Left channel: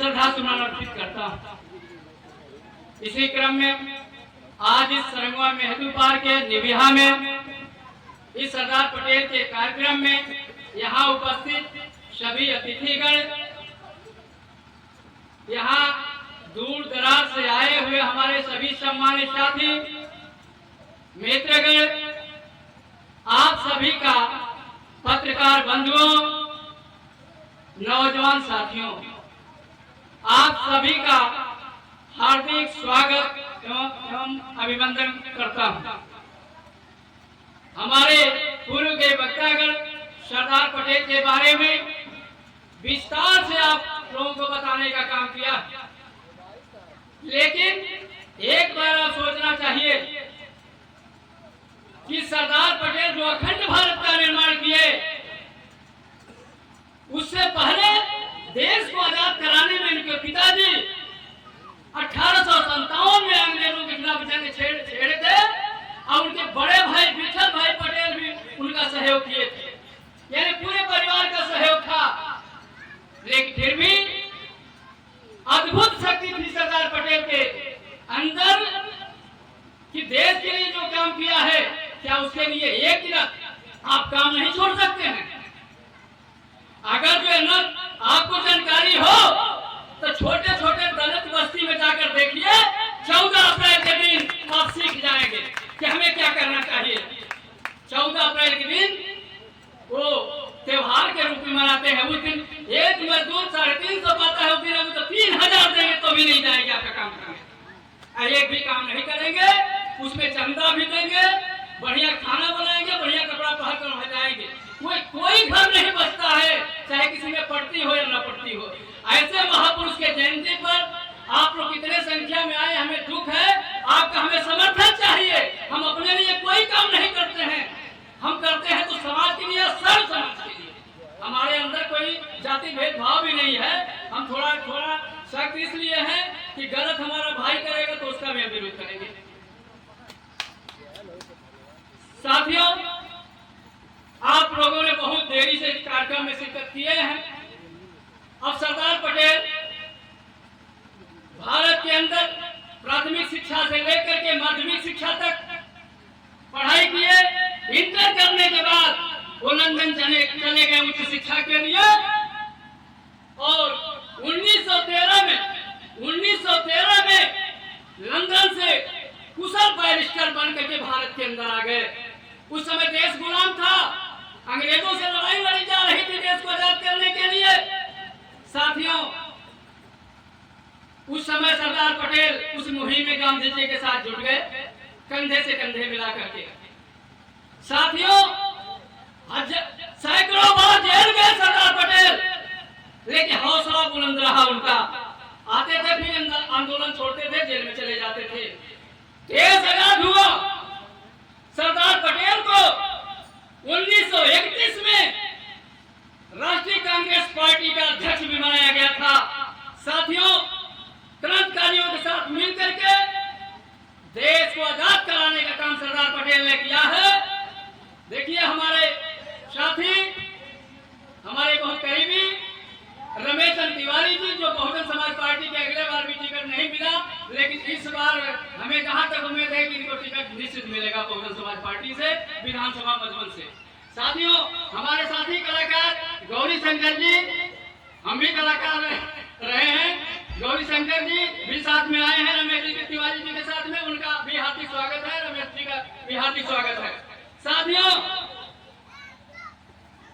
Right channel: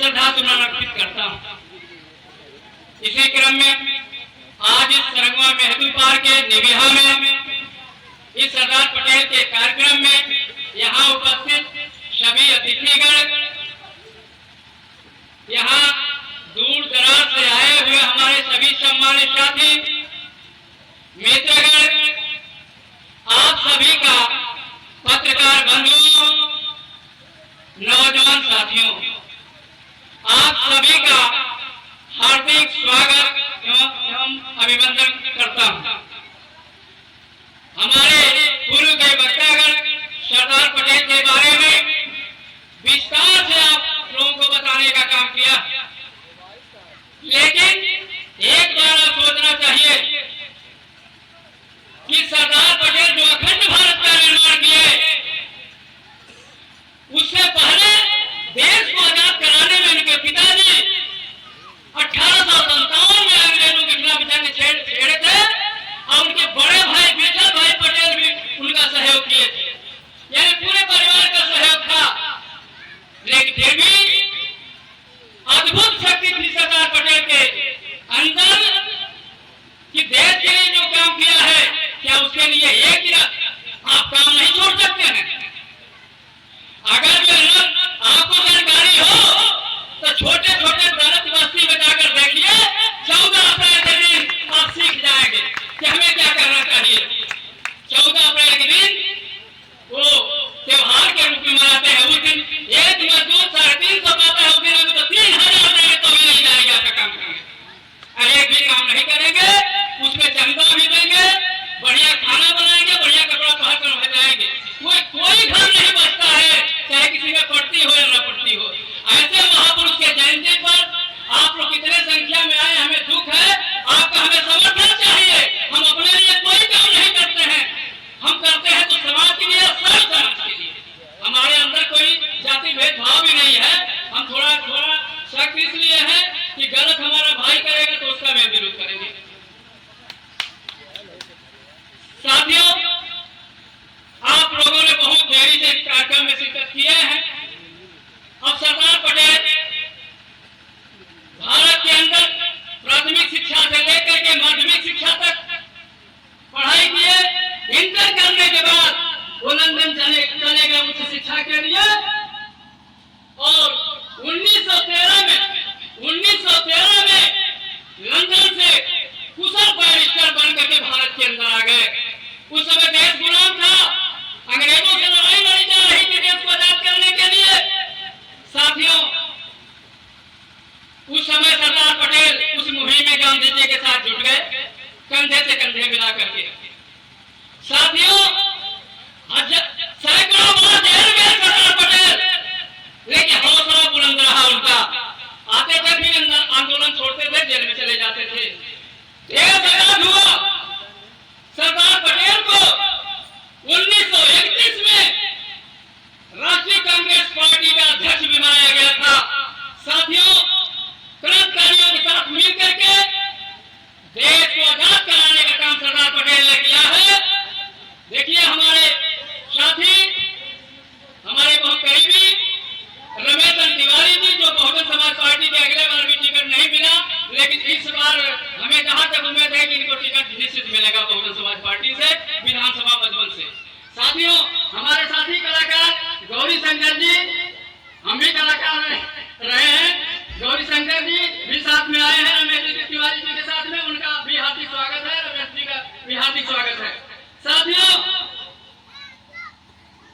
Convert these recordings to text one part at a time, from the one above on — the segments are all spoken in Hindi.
श्रद्धा सुमन अर्पित करता हूँ। इसी क्रम में आज इस सरंगवा मेहदू पार्क के निविहा में इस सरदार पटेल के कार्यक्रम में यहाँ उपस्थित सभी अतिथिगण, यहाँ दूर दराज से आए हुए हमारे सभी सम्मानित साथी मित्रगण, आप सभी का पत्रकार बंधुओं, नौजवान साथियों, आप सभी का हार्दिक स्वागत एवं अभिनंदन करता हूं। हमारे पूर्व के वक्तागण सरदार पटेल के बारे में विस्तार से आप लोगों को बताने का काम किया, लेकिन एक बार आप सोचना चाहिए कि सरदार पटेल जो अखंड भारत का निर्माण किए, उससे पहले देश को आजाद कराने में इनके पिताजी 1857 में अंग्रेजों के खिलाफ जंग छेड़े थे और उनके बड़े भाई विठल भाई पटेल भी उनका सहयोग किए थे, यानी पूरे परिवार का सहयोग था। लेकिन फिर भी अद्भुत शक्ति थी सरदार पटेल के अंदर कि देश के लिए जो काम किया है, क्या उसके लिए एक ही आप काम नहीं छोड़ सकते हैं? अगर जो है ना आपको जानकारी हो तो छोटे छोटे दलित बस्ती में जाकर देखिए, 14 अप्रैल के दिन आप सीख जाएंगे कि हमें क्या करना चाहिए। 14 अप्रैल के दिन वो त्योहार के रूप में मनाते हैं। उस दिन एक मजदूर 350 पाता है, उस दिन तो 3000 देंगे तो भी नहीं जाएगा आपका काम करने, एक भी काम नहीं करेंगे, उसमें चंदा भी देंगे, बढ़िया खाना बनाएंगे, बढ़िया कपड़ा पहन कर जाएंगे। कोई घर नहीं बचता है, चाहे किसी में पड़ती हो या न पड़ती हो। ऐसे महापुरुष के जयंती पर आप लोग कितने संख्या में आए, हमें दुख है, आपका हमें समर्थन चाहिए। हम अपने लिए कोई काम नहीं करते हैं, हम करते हैं तो समाज के लिए, सब समाज के लिए। हमारे अंदर कोई जाति भेदभाव भी नहीं है। हम थोड़ा शक इसलिए है कि गलत हमारा भाई करेगा तो उसका भी विरोध करेंगे। साथियों, आप लोगों ने बहुत देरी से इस कार्यक्रम में शिरकत किए हैं। अब सरदार पटेल भारत के अंदर प्राथमिक शिक्षा से लेकर के माध्यमिक शिक्षा तक पढ़ाई किए। इंटर करने के बाद वो लंदन चले गए उच्च शिक्षा के लिए, और 1913 में लंदन से कुशल बैरिस्टर बन करके भारत के अंदर आ गए। उस समय देश गुलाम था, अंग्रेजों से लड़ाई लड़ी जा रही थी देश को आजाद करने के लिए। साथियों, उस समय सरदार पटेल उस मुहिम में गांधी जी के साथ जुट गए, कंधे से कंधे मिला करके। साथियों, सैकड़ों बार जेल गए सरदार पटेल, लेकिन हौसला बुलंद रहा उनका। आते थे फिर आंदोलन छोड़ते थे, जेल में चले जाते थे। देश आजाद हुआ, सरदार पटेल को 1931 में राष्ट्रीय कांग्रेस पार्टी का अध्यक्ष बनाया गया था। साथियों, क्रांतिकारियों के साथ मिलकर के देश को आजाद कराने का काम सरदार पटेल ने किया है। देखिए, हमारे साथी, हमारे बहुत करीबी रमेश तिवारी जी, जो बहुजन समाज पार्टी के अगले बार भी टिकट नहीं मिला, लेकिन इस बार हमें जहां तक उम्मीद है कि इनको टिकट निश्चित मिलेगा बहुजन समाज पार्टी से, विधानसभा मधुबन से। साथियों, हमारे साथी कलाकार गौरी शंकर जी, हम भी कलाकार रहे हैं, गौरी शंकर जी भी साथ में आए हैं रमेश तिवारी जी के साथ में, उनका भी हार्दिक स्वागत है, रमेश जी का भी हार्दिक स्वागत है। साथियों,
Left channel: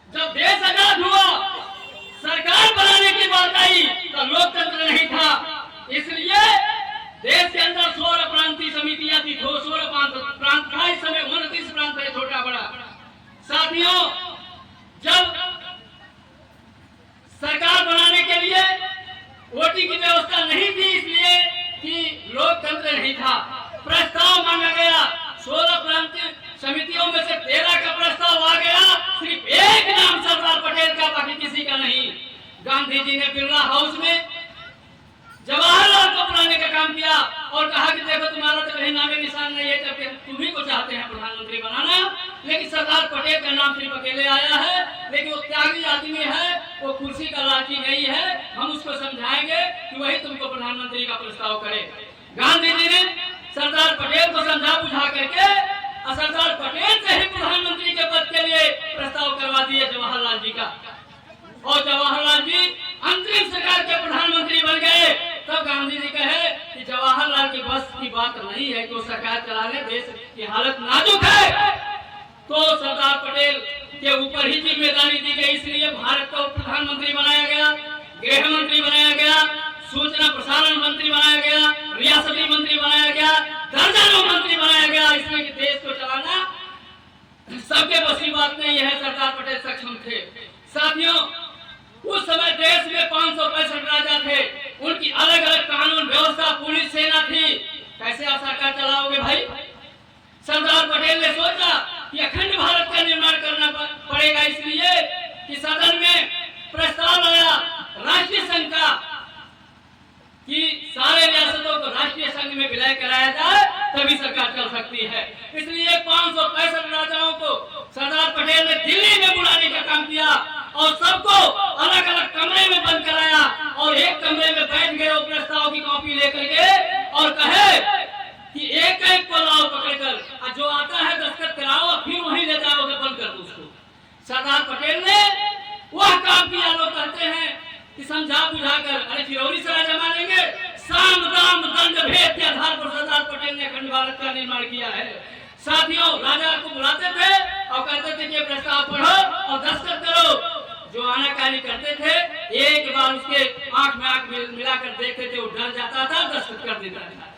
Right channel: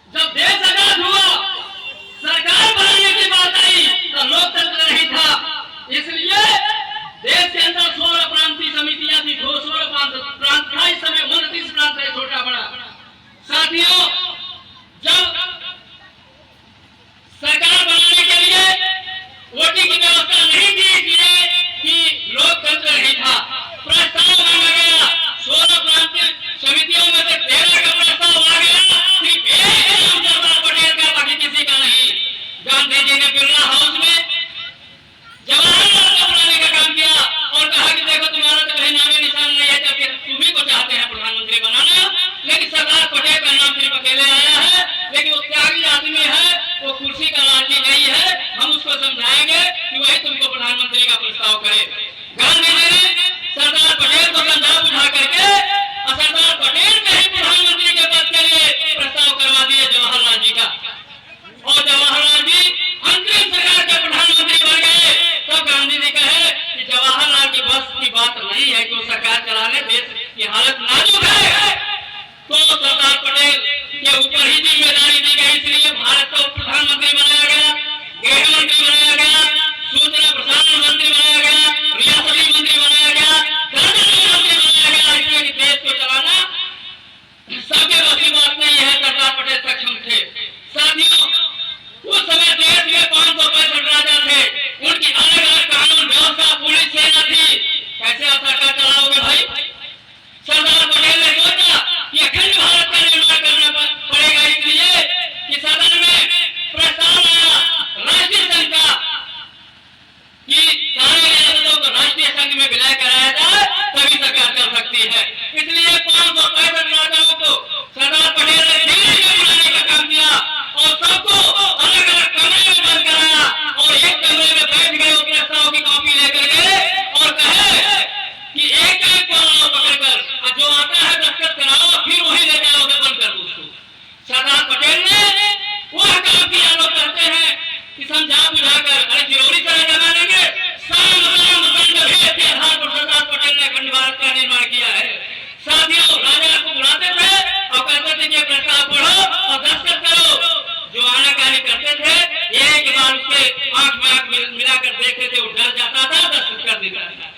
जब देश आजाद हुआ, सरकार बनाने की बात आई तो लोकतंत्र नहीं था, इसलिए देश के अंदर 16 प्रांतीय समितियां थी, 16 प्रांत था। इस समय 29 प्रांत है, छोटा बड़ा। साथियों, जब सरकार बनाने के लिए वोटिंग की व्यवस्था नहीं की, इसलिए कि लोकतंत्र नहीं था, प्रस्ताव मांगा गया। 16 प्रांतीय समितियों में से 13 का प्रस्ताव आ गया, सिर्फ एक नाम सरदार पटेल का, बाकी किसी का नहीं। गांधी जी ने बिरला हाउस में जवाहरलाल को बुलाने का काम किया और कहा कि देखो, तुम्हारा तो नामे निशान नहीं है, जबकि तुम्ही को चाहते हैं प्रधानमंत्री बनाना, लेकिन सरदार पटेल का नाम सिर्फ कहेंगे कि वही तुमको प्रधानमंत्री का प्रस्ताव करे। गांधी जी ने सरदार पटेल को समझा बुझा करके और सरदार पटेल के ही प्रधानमंत्री के पद के लिए प्रस्ताव करवा दिए जवाहरलाल जी का, और जवाहरलाल जी अंतरिम सरकार के प्रधानमंत्री बन गए। तब गांधी जी कहे कि जवाहरलाल की बस की बात नहीं है कि वो सरकार चलाने, देश की हालत नाजुक है, तो सरदार पटेल के ऊपर ही जिम्मेदारी दी गई, इसलिए भारत को प्रधानमंत्री बनाया गया, गृह मंत्री बनाया गया, सूचना प्रसारण मंत्री बनाया गया, रियासती मंत्री बनाया गया, दर्जनों मंत्री बनाया गया, इसलिए देश को चलाना सबके बस की बात नहीं है। सरदार पटेल सक्षम थे। साथियों, उस समय देश में 565 राजा थे, उनकी अलग अलग कानून व्यवस्था, पुलिस, सेना थी। कैसे आप सरकार चलाओगे भाई? सरदार पटेल ने सोचा कि अखंड भारत का निर्माण करना पड़ेगा, इसलिए कि सदन में प्रस्ताव आया राष्ट्रीय संघ का कि सारे रियासतों को राष्ट्रीय संघ में विलय कराया जाए, तभी सरकार चल सकती है। इसलिए 565 राजाओं को सरदार पटेल ने दिल्ली में बुलाने का काम किया और सबको अलग अलग कमरे में बंद कराया और एक कमरे में बैठ गए, प्रस्ताव की कॉपी लेकर गए और कहे कि एक एक को लाओ पकड़कर, जो आता है दस्तखत कराओ, फिर वही ले जाओ, उसे बंद कर दो उसको। सरदार पटेल ने वह काम किया। लोग कहते हैं कि समझा बुझाकर, अरे किरोड़ी तरह जमा लेंगे, साम दाम दंड भेद के आधार पर सरदार पटेल ने अखंड भारत का निर्माण किया है। साथियों, राजा को बुलाते थे और कहते थे कि प्रस्ताव पढ़ो और दस्तखत करो। जो आनाकानी करते थे, एक बार उसके आंख में आंख मिलाकर देखते थे, वो डर जाता था, दस्तखत कर देता था।